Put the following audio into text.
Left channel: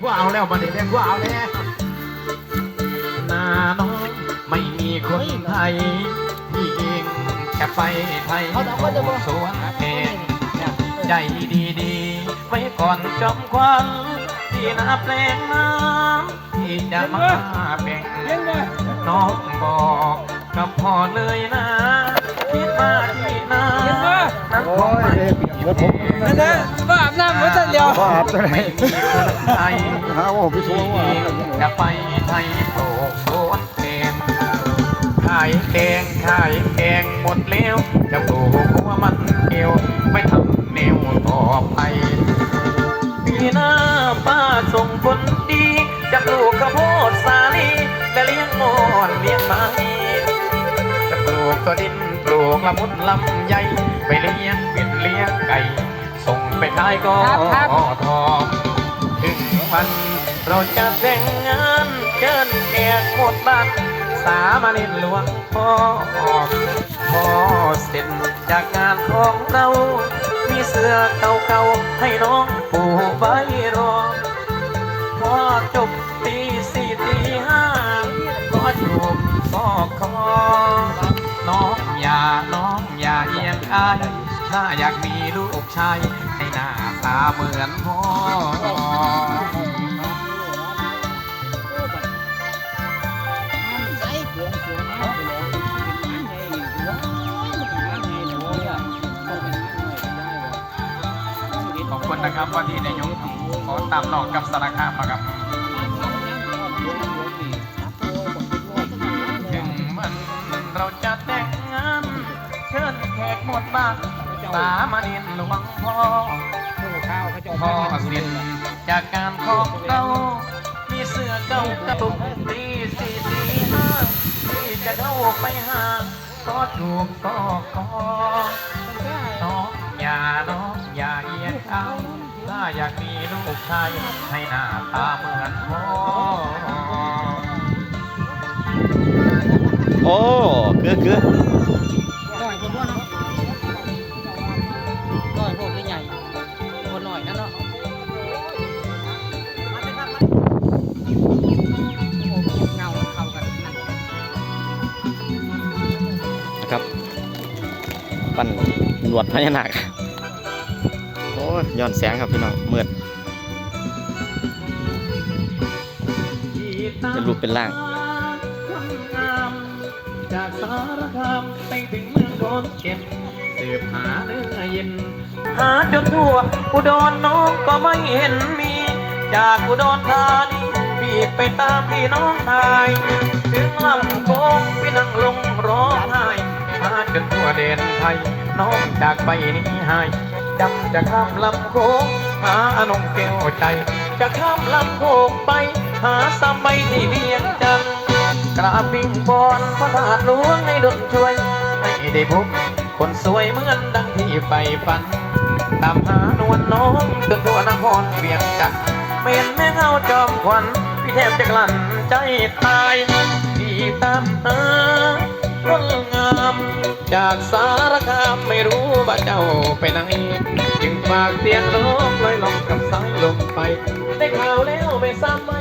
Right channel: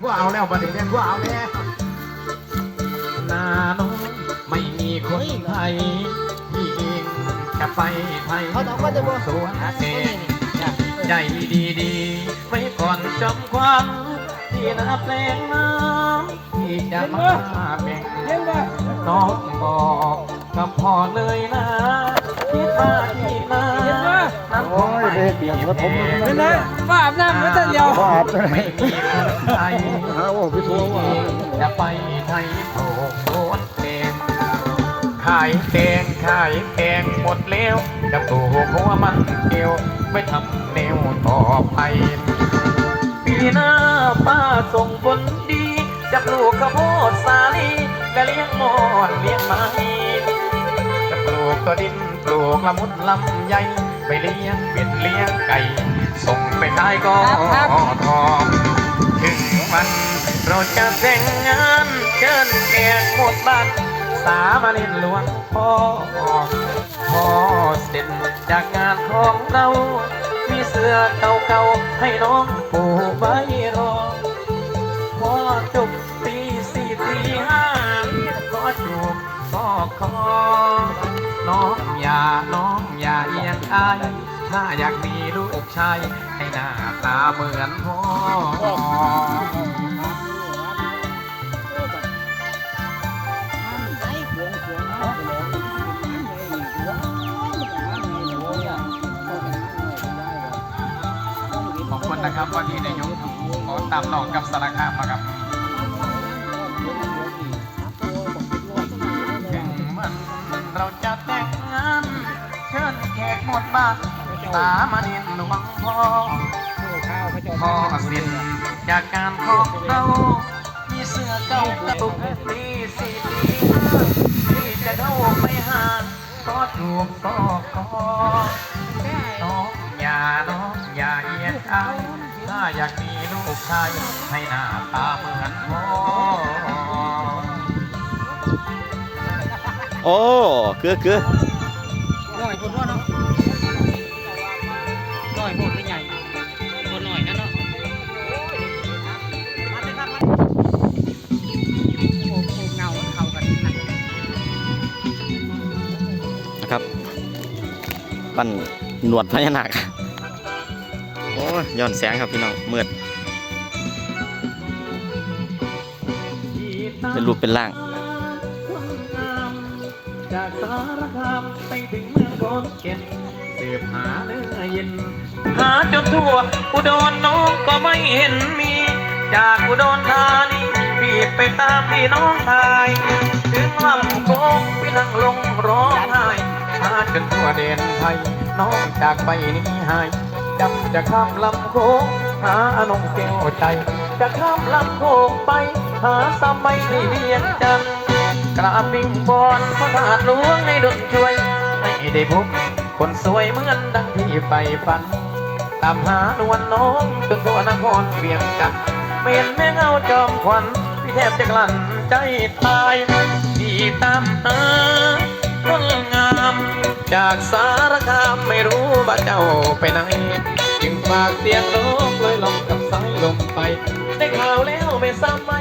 พวกเอาแล้วมาดิแม่พวกเอาแล้วนาน้องไม่มีคนไทยพี่เองจะไปไทยเขาต้องก็จะบอกสวนเองเนี่ยใจดีดีๆไว้ก่อนจอมควันที่นาเพลงน้ำที่จะมาแบ่งเลี้ยงบ่น้องบอกกับพ่อเลยนะคิดว่าที่นาเลี้ยงบ่โอ้ยเด้เปียกรถผมเห็นไหมก็อาบน้ำไว้แต่เดียวว่าอาบตัวไหนไม่มีคนไทย หาว่าพี่สูที่งเองจะไปไทยโปรกโซนเองขายแตงขายแกงหมดแล้วจะปลูกหัวมันเกี่ยวไม่ทำแนวต่อไปปีหน้าป้าส่งผลดีจะปลูกข้าวโพดสาลีจะเลี้ยงมอนเลี้ยงไม้จะปลูกตัวดินปลูกละมุดลำใหญ่ไปเลี้ยงเป็ดเลี้ยงไก่ส่งไปขายก็ทองถึง วัน เราจะแต่งงานเชิญแขกหมดบ้านสามาเล่นหลวงพ่อพอเสร็จจากงานของเรา มีเสื้อเก่าๆให้น้องปูไว้รอพอจบตีสี่ตีห้าพอจบพอคอน้องอย่าน้องอย่าเอียงอายถ้าอยากมีลูกชายให้หน้าตาเหมือนพ่อ นะครับวันนี้ในายกขอตามหลอกกับสารคามครับถึงมันเราจะแต่งงานเชิญแขกหมดบ้านสามาเรียนหลวงพ่อพ่อสิ้นจากการพบเรามีเสื้อเก่าตุกตีสี่ตีห้าที่จะเข้าไปหาก็ถูกก็กอ มีลูกชายให้หน้าตาเหมือนพ่อโอ้เกือเกือน้อยคนว่านะน้อยพวกใหญ่คนน้อยนั่นเนาะนะครับปั้นหนวดพญานาคโอ้ยย้อนแสงครับพี่น้องมืด เป็นรูปเป็นร่าง จากสารคามไปถึงโนเก็นสืบหาเนื้อเย็น หาจนทั่วอุดรน้องก็ไม่เห็นมี จากอุดรธานีบีบไปตามพี่น้องชาย ถึงลำโคงพี่นั่งลงร้องไห้หาจนทั่วแดนไทย น้องจากไปนี้หายจำจะข้ามลำโคงหาอนงแก้วใจ จะข้ามลำโค้งไป หาสมใบที่เวียงจันทน์กราบปิงบอนพระธาตุหลวงให้ดลช่วย ให้ได้พบคนสวยเหมือนดังที่ไปฝันตามหานวลน้องจนทั่วนครเวียงจันทน์เมียนแม่เงาจอมขวัญพี่แทบจะกลั้นใจตายที่ตามหาคนงาม จากสารคามไม่รู้บ้าเจ้าไปไหนจึงฝากเสียงร้องลอยลองกับสายลมไป แ